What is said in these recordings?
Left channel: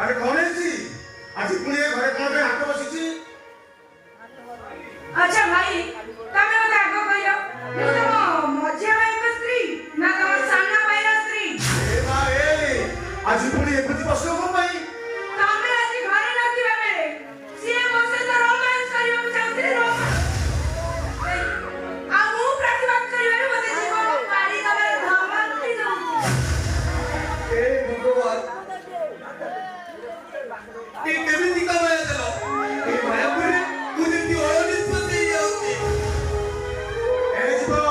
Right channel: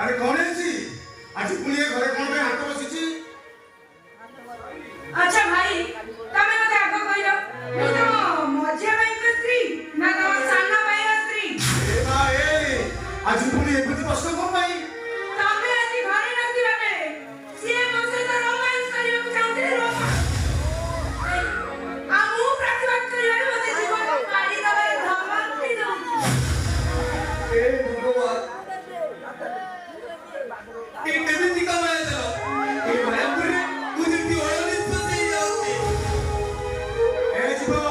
ଆରେ କଣ ହେଇଛି? ଆଜି ପୁଣି ଏ ଘରେ କଣ ପାଇଁ ହାତ ବସିଛି? ଆଚ୍ଛା ଭାଇ, ତମେ ମୋତେ ଆଗ କହିଲ, ମୁଁ ତମ ମଝିଆ ଭାଇଙ୍କ ସ୍ତ୍ରୀ ନା ତମ ସାନ ଭାଇର ସ୍ତ୍ରୀ? ଏ ମା ଏ, ଆଜି ପୁଣି ଏମିତି ପ୍ରଶ୍ନ କଣ ପାଇଁ? ତମେ ଆଜି ଘରେ ନଥିବା ବେଳେ ସିଏ ମୋ ସହିତ ରୋମାନ୍ସ କରିବାକୁ ଚାହୁଁଥିଲେ, ଆଉ ମୁଁ ପ୍ରତିବାଦ କରିବାରେ ମୋତେ ଜୀବନ କାଢି ଦେବାର ଧମକ ଦଉଥିଲି। ଏ ଭଗବାନ, ଏ କେମିତି କାମ ଦେବ? ଏ ମାୟାପୁରରେ ତୁ ଯେମିତି ଅୟନିଷ୍ପତ୍ତି ହେଇଯାଉଛି। ଏ ଜୀବନ,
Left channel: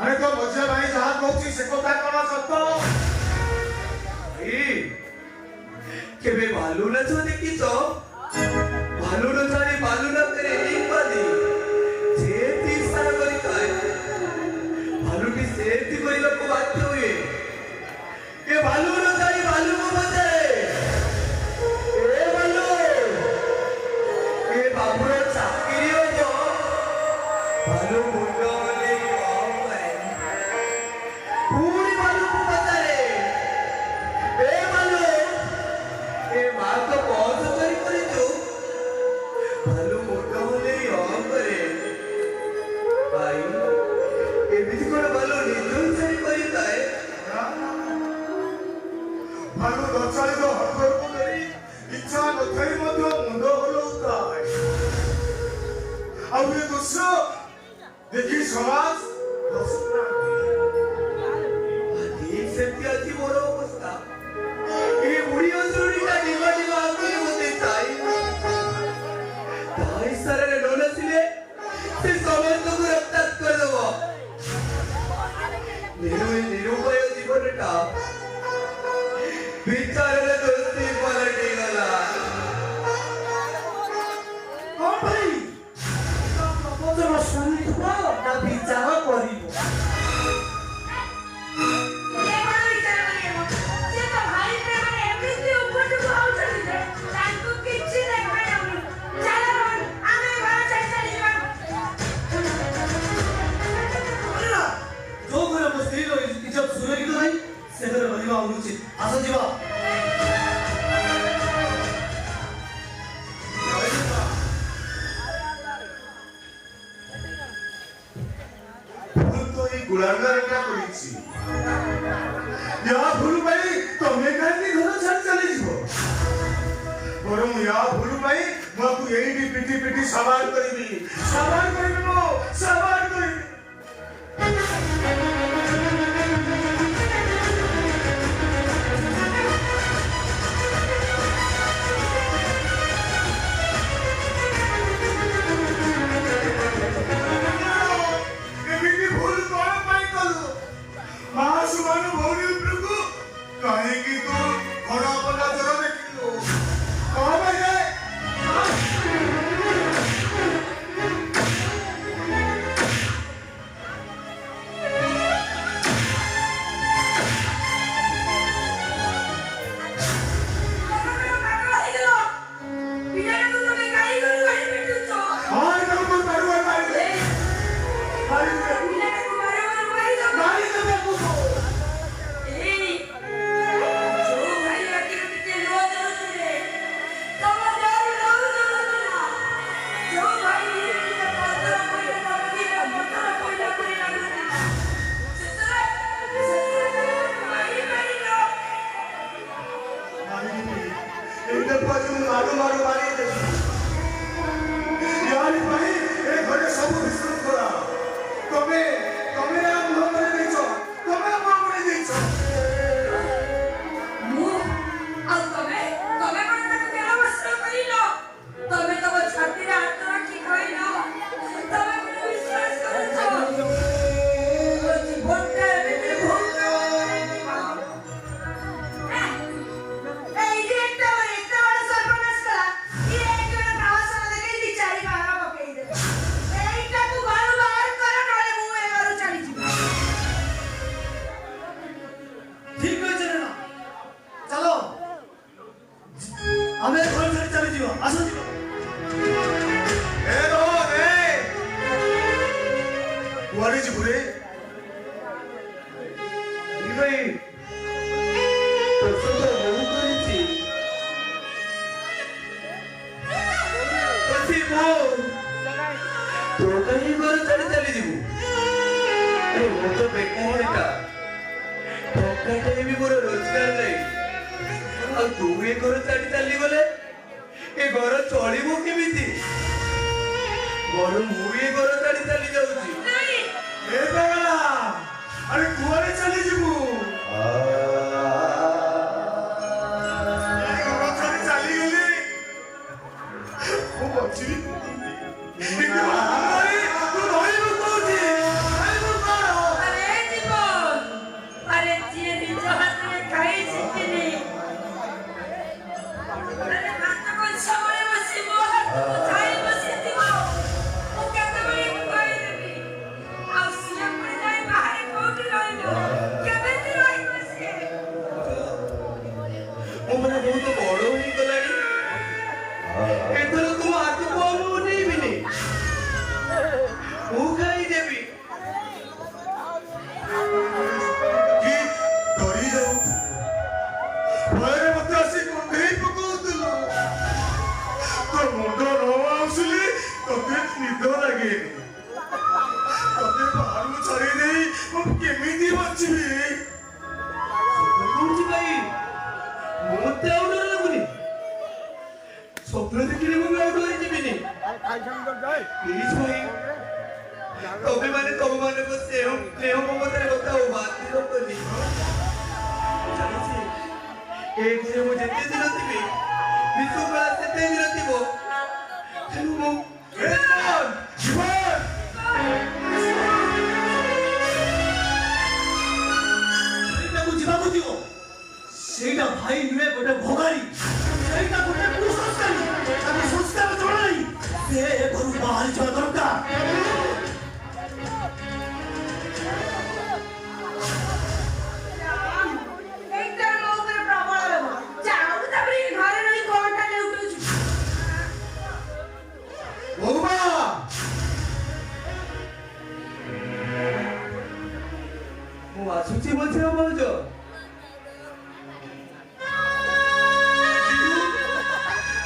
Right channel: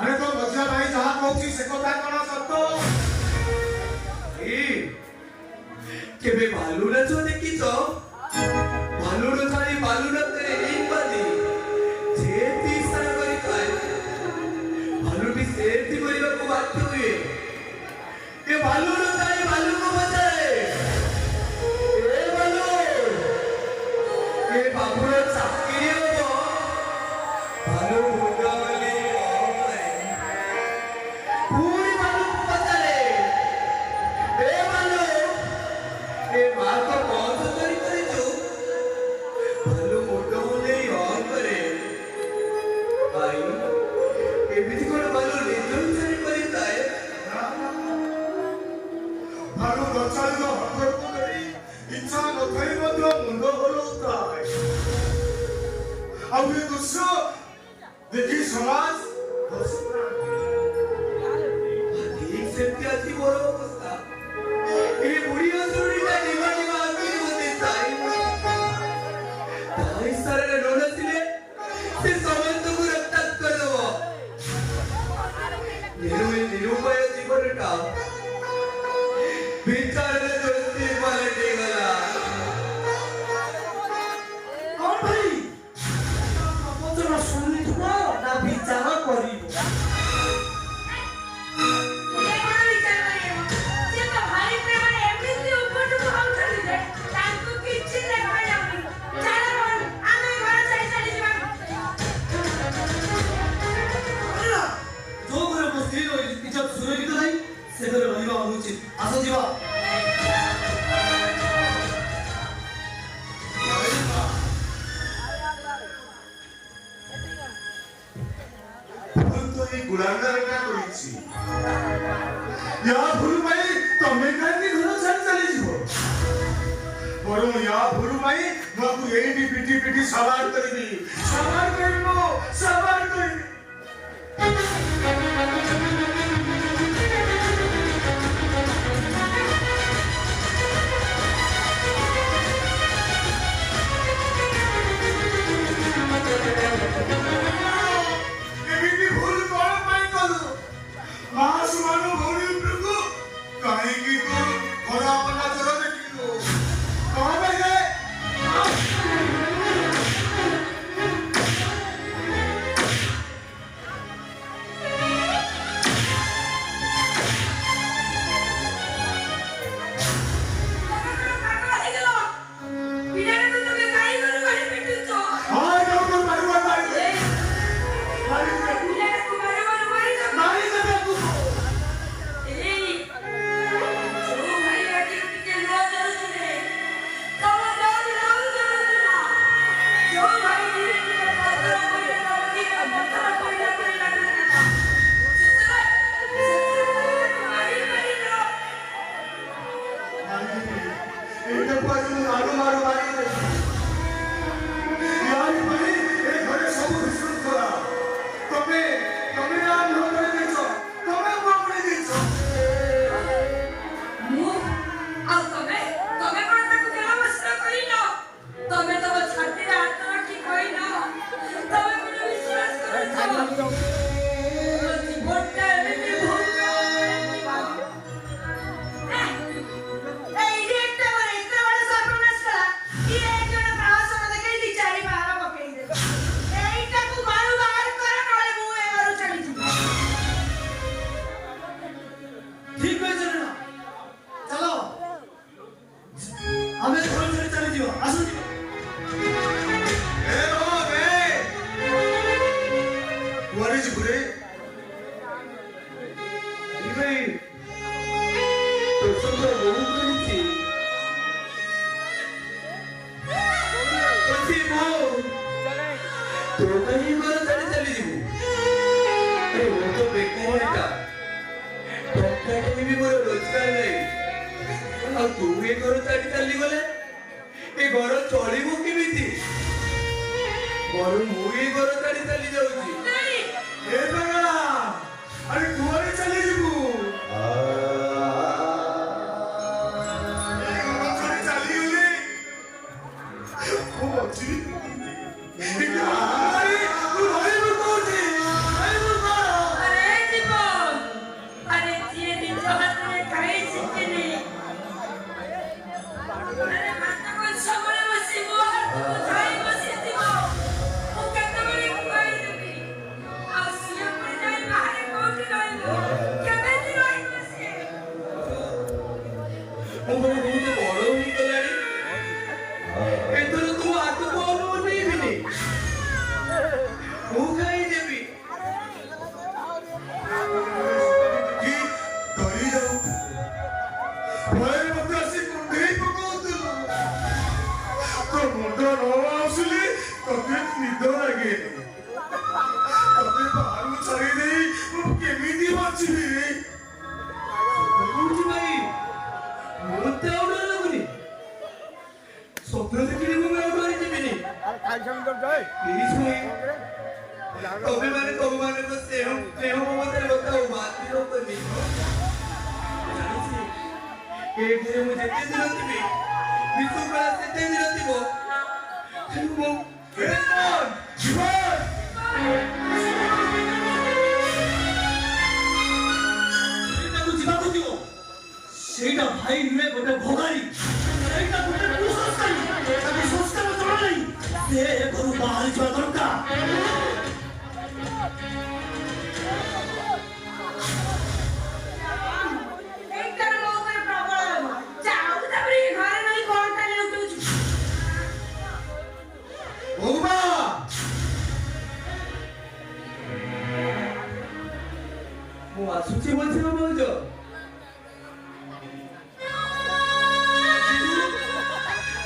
ଆରେ ତୋ ମଝିଆ ଭାଇ ଯାହା କହୁଛି ସେ କଥା କଣ ସତ? କେବେ ଭାଲୁ ନାଚ ଦେଖିଛ? ଭାଲୁ ନାଚରେ ଭାଲୁ ନାଚରେ ଏଇପାଲି ଯେମିତି ଇଶାରା କରିଥାଏ, ଭାଲୁଟି ସେମିତି କରିବାକୁ ବାଧ୍ୟ ହୁଏ। ଏ ଭାଲୁ ନାଚରେ ଭାଲୁକୁ ବଜାଏ। ଏ ଭାଲୁ, ଏ ବାବୁର ଚାକିରି ହବ। ଭାଲୁ ମୁଣ୍ଡ ବୋଲି କରେ, ପୁଣି ଭାଲୁକୁ ବଜାଏ। ଏ ଭାଲୁ, ଏ ମା ତ କଣ ଚୋରି କରିଛୁ? ଭାଲୁ ମୁଣ୍ଡ ବୁଲେଇ କରେ। ଭାଇ, ଏମିତି କଣ ଭାଲୁ ନିଜକୁ ଚୋରି କରିଥାଏ? ଭାଲୁ ଗଛାଳିକ ହଠକୁ ନେଇ ଇଚ୍ଛା ନଥାଇ ମଧ୍ୟ ମୁଣ୍ଡ ହଲଉଥାଏ। ଆଉ ଏ ଦୃଶ୍ୟ ଦେଖି ସମାଜ ଠିକ ସେମିତି ଆଜି ମୋର ଅବସ୍ଥା। ଏ ବୁଢୀ ଅସୁରଟିଟା ନିମା ନିମା ଆଗରେ ମୋତେ ଥାଏ। ତା ଇଶାରାରେ ନ ନାଚିଲେ ସେ ସମସ୍ତଙ୍କୁ ରକ୍ତାକ୍ତ କରିଦେବ। ନିରୁପାୟ ଜୀବନଟା ବିଚାରରେ ଦୋସ୍ତି ପାଲଟିଗଲା। କଣ ଭାଇ, ପ୍ରବଚନ ଶୁଣିଥିବ ନା ବିଚାର କରିବ? ଏ କଣ ବିଚାର କରିବ? ସେ ତ ଭାଇ ପ୍ରେମରେ ଏମିତି ଉପରକୁ ହଉଛନ୍ତି ଯେ ତାଙ୍କୁ କିଛି ଦେଖାଯାଉନି। ଚାଲ ରୋହନ, ଆମେ ଘର ଛାଡ଼ି ଚାଲିଯିବା। ଯୋଉ ଘରେ ମୋ ସ୍ତ୍ରୀର ଇଜ୍ଜତ ସୁରକ୍ଷିତ ନାହିଁ ସେ ଘରେ ରହିବା ଅନୁଚିତ। ଆସ ଯିବା। ଭୁଲ ତ ଏଇ ଗୁଣାଗାରଟା କରିଛି। ୟା ଭୁଲ ପାଇଁ ତମେ କାହିଁକି ଘର ଛାଡ଼ି ଚାଲିଯିବ? ବରଂ ୟା ଭୁଲ ପାଇଁ ମୁଁ ଆକୁ ଏଇଠି ପିଟି ପିଟି ସାବାର କରିବି। ସାବାର କରିବି ମୁଁ, ସାବାର କରିବି। ଏମିତି ଭୁଲ କଣ ପାଇଁ କଲୁ? ମା ସୁବର୍ଣ୍ଣ ଭଉଣୀ ଉପରକୁ କାହିଁକି ତୁ ଖରାପ ନଜର ଦେଖିଲୁ? କଣ ଯେ? ଭାଇ, ପ୍ରସଙ୍ଗ ବହୁ କରିଛି। ଏଇଟା ଟଙ୍କାଟେ ବି ମୋର ରୋଜଗାର ନାହିଁ। ଆଉ ତୁ ଏ ଘର ଛାଡ଼ି ଚାଲିଗଲେ ଏ ଘର ଚଳିବ କେମିତି? ବରଂ ମୁଁ ଏ ଘର ଛାଡ଼ି ଚାଲି ଯାଉଛି। ନାଇଁ ଏ ପାଗଳା, ଆରେ କୁଆଡେ ଚାଲିଯିବୁ? ଏ ଘର ଛାଡି ଚାଲିଗଲେ ମୁଁ ବଞ୍ଚିବି। କିନ୍ତୁ ଭୁଲଭାଇ, ତୁ ରହିବୁ କୋଉଠି? ରହିବୁ କଣ? अरे जीवन अरे जिए निज हाथरे खाई सिखिनी अरे हाथ को सबरे बसिबो हाथ को खाई बसिथिबो ओ केतेबेले खाई देबी आ सिए पर जाई बाहर कोठी रहइबो केबेती रहइबो सिए ମୋ ବାବା ବହୁତ ବଡ ହେଇଗଲାଣି। ଏଥର ତୁ ଆଗକୁ ଆଉ ଅନେଇବିନି। ମୁଁ ଖାଇଦେବି। କି ଡରି ଯାଉଥିଲୁ, ଭୟରେ ମତେ ଆସି କୁଣ୍ଢେଇ ପକଉଥିଲୁ। ତୋ ମୁଣ୍ଡ ନ ଆଉସିଲେ ତତେ ନିଦ ଲାଗେନି। ତତେ ବାହାରକୁ ଛାଡି ଦେଇ ମୁଁ କେମିତି ବଞ୍ଚିବି? କହୁଛି ଭାଇ, ମୋତେ ଆଉ ଡର ଲାଗୁନି। ସ୍ୱପ୍ନ ଦେଖିଲେ ମୁଁ ଆଉ ଡରିଯିବିନି। ପ୍ଲିଜ୍ ଭାଇ, ତମେମାନେ ତମମାନଙ୍କ ସ୍ନେହ ମମତାରେ ବତାଉ ବାତିଲ କଲି। ଜାଣିଛି ଏଥିରେ ମୁଁ ଯେତେ ଦିନ ଥିବି ବିଶ୍ୱକଳା ସେତେ ଦିନ ଥିବ। ତେଣୁ ମୁଁ ଜୀବନ, ଜୀବନ! ସେଇଟାକୁ ଯିବାକୁ ଦିଅ। ସେଇଟା ଭାଇ ନୁହେଁ, ଗୋଟେ ଭଗାରୀ। ସେଇଟା ଗୋଟେ କୁସଂସ୍କାରୀ। ତାକୁ ସଂସ୍କାର ଜଣା ନାହିଁ। ସେ ଏ ଘରୁ ବାହାରି ଯିବା ଦରକାର। एकदम ऊपर प्रबल जाऊ तबरी घर नहीं कोणटा लेउटुछु ବୋଉମା! ମୁଁ ଆସୁଛି ମଝିରେ ଭାଉଜ।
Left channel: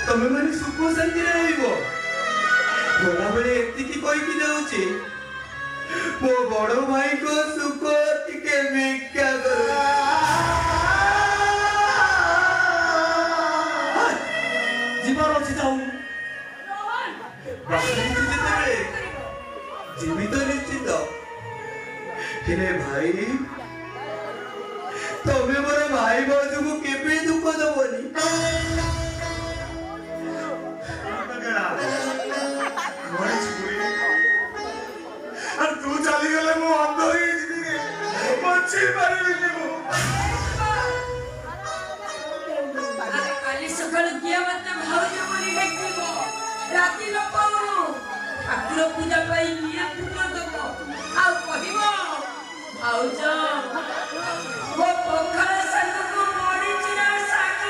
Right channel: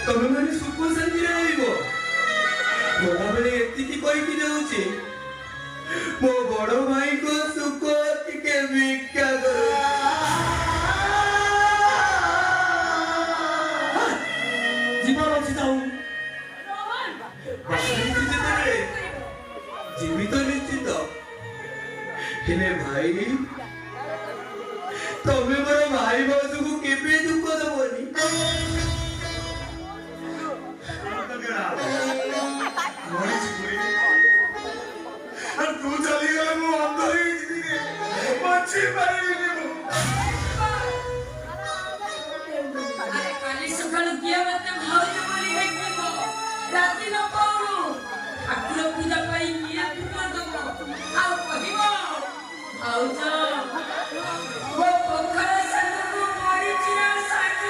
ତମେମାନେ ସୁଖ ଶାନ୍ତିରେ ରହିବ। ଗଲାବେଳେ ଏତିକି କହିକି ଯାଉଛି, ମୋ ବଡ ଭାଇଙ୍କ ସୁଖ ଟିକେ ଭିକ୍ଷା କର। ଯିବାର ଅଛି ଯାଉ। रोहन ବାହାରିଛି ଯେତେବେଳେ ଜୀବିତ ନିଶ୍ଚିତ। ହେଲେ ଭାଇ, ତମେ ମୋର ଭାଇ ଭାଉଜକୁ କେବେ ଦୁଃଖ ଦବନି। আর তু চালিগলে মু অন্ধ হয়ে যাবি রে, বঞ্চি পারিবিনি মু। काली सकाळ किया मते भाऊज बोली हेकबो राती न पाउनु ठाकुर पूजा पाई किए फुमा दबो आउ कहिबो भाऊज वो पखाळ सागको मरि चिरा साग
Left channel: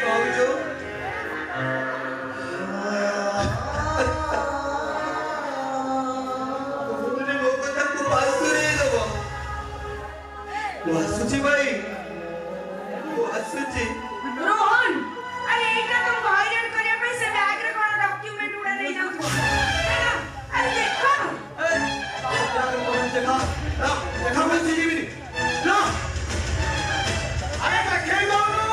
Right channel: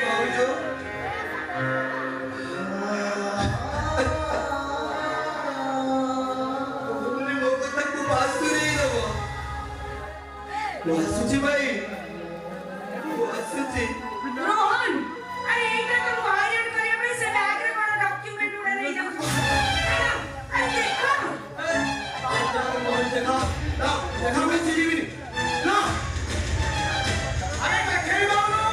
ଭାଉଜ, ତମେ ମୋ କଥାକୁ ପାସ୍ କରେଇ ଦବ। ମୁଁ ଆସୁଛି ଭାଇ, ମୁଁ ଆସୁଛି। रोहन अरे एटा तो वायरल करे पे से बैग रे कोन डॉक्यूमेंट में नहीं जाऊ अरे देखो দেখা मैं ଯିବିନି। ନା। আরে কাকে বলবো?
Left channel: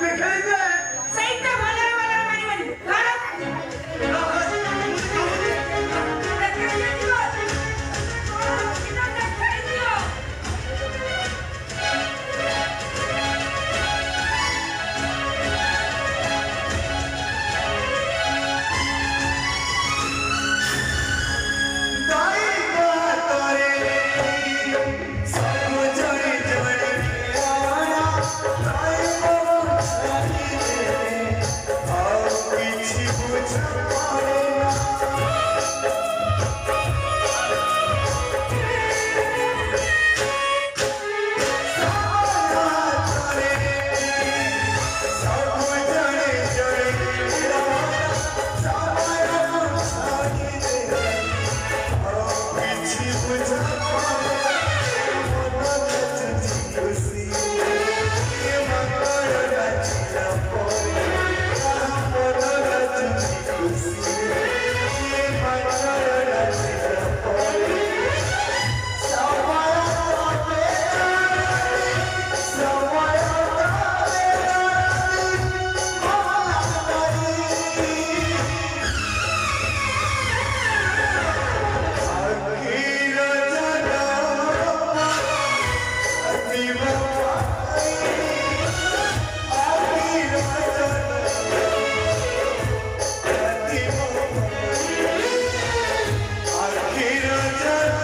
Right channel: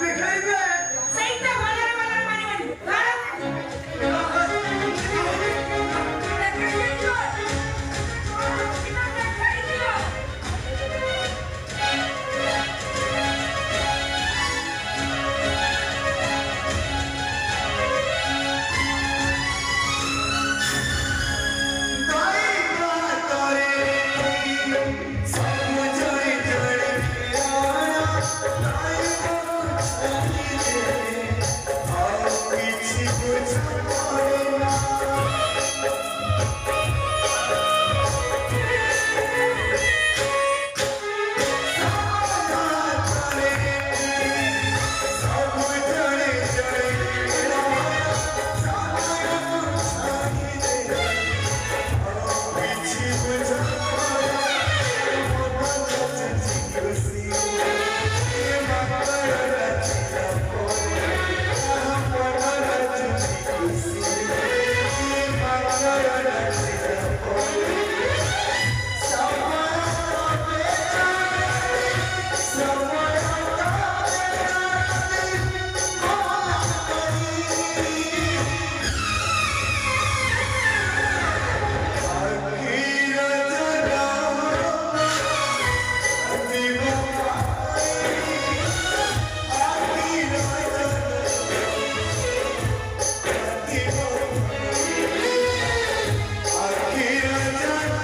দেখাইবে। ସେଇଟା ଭଲରେ ଭଲରେ ମାରିବନି দাই কোয়া তোরে 자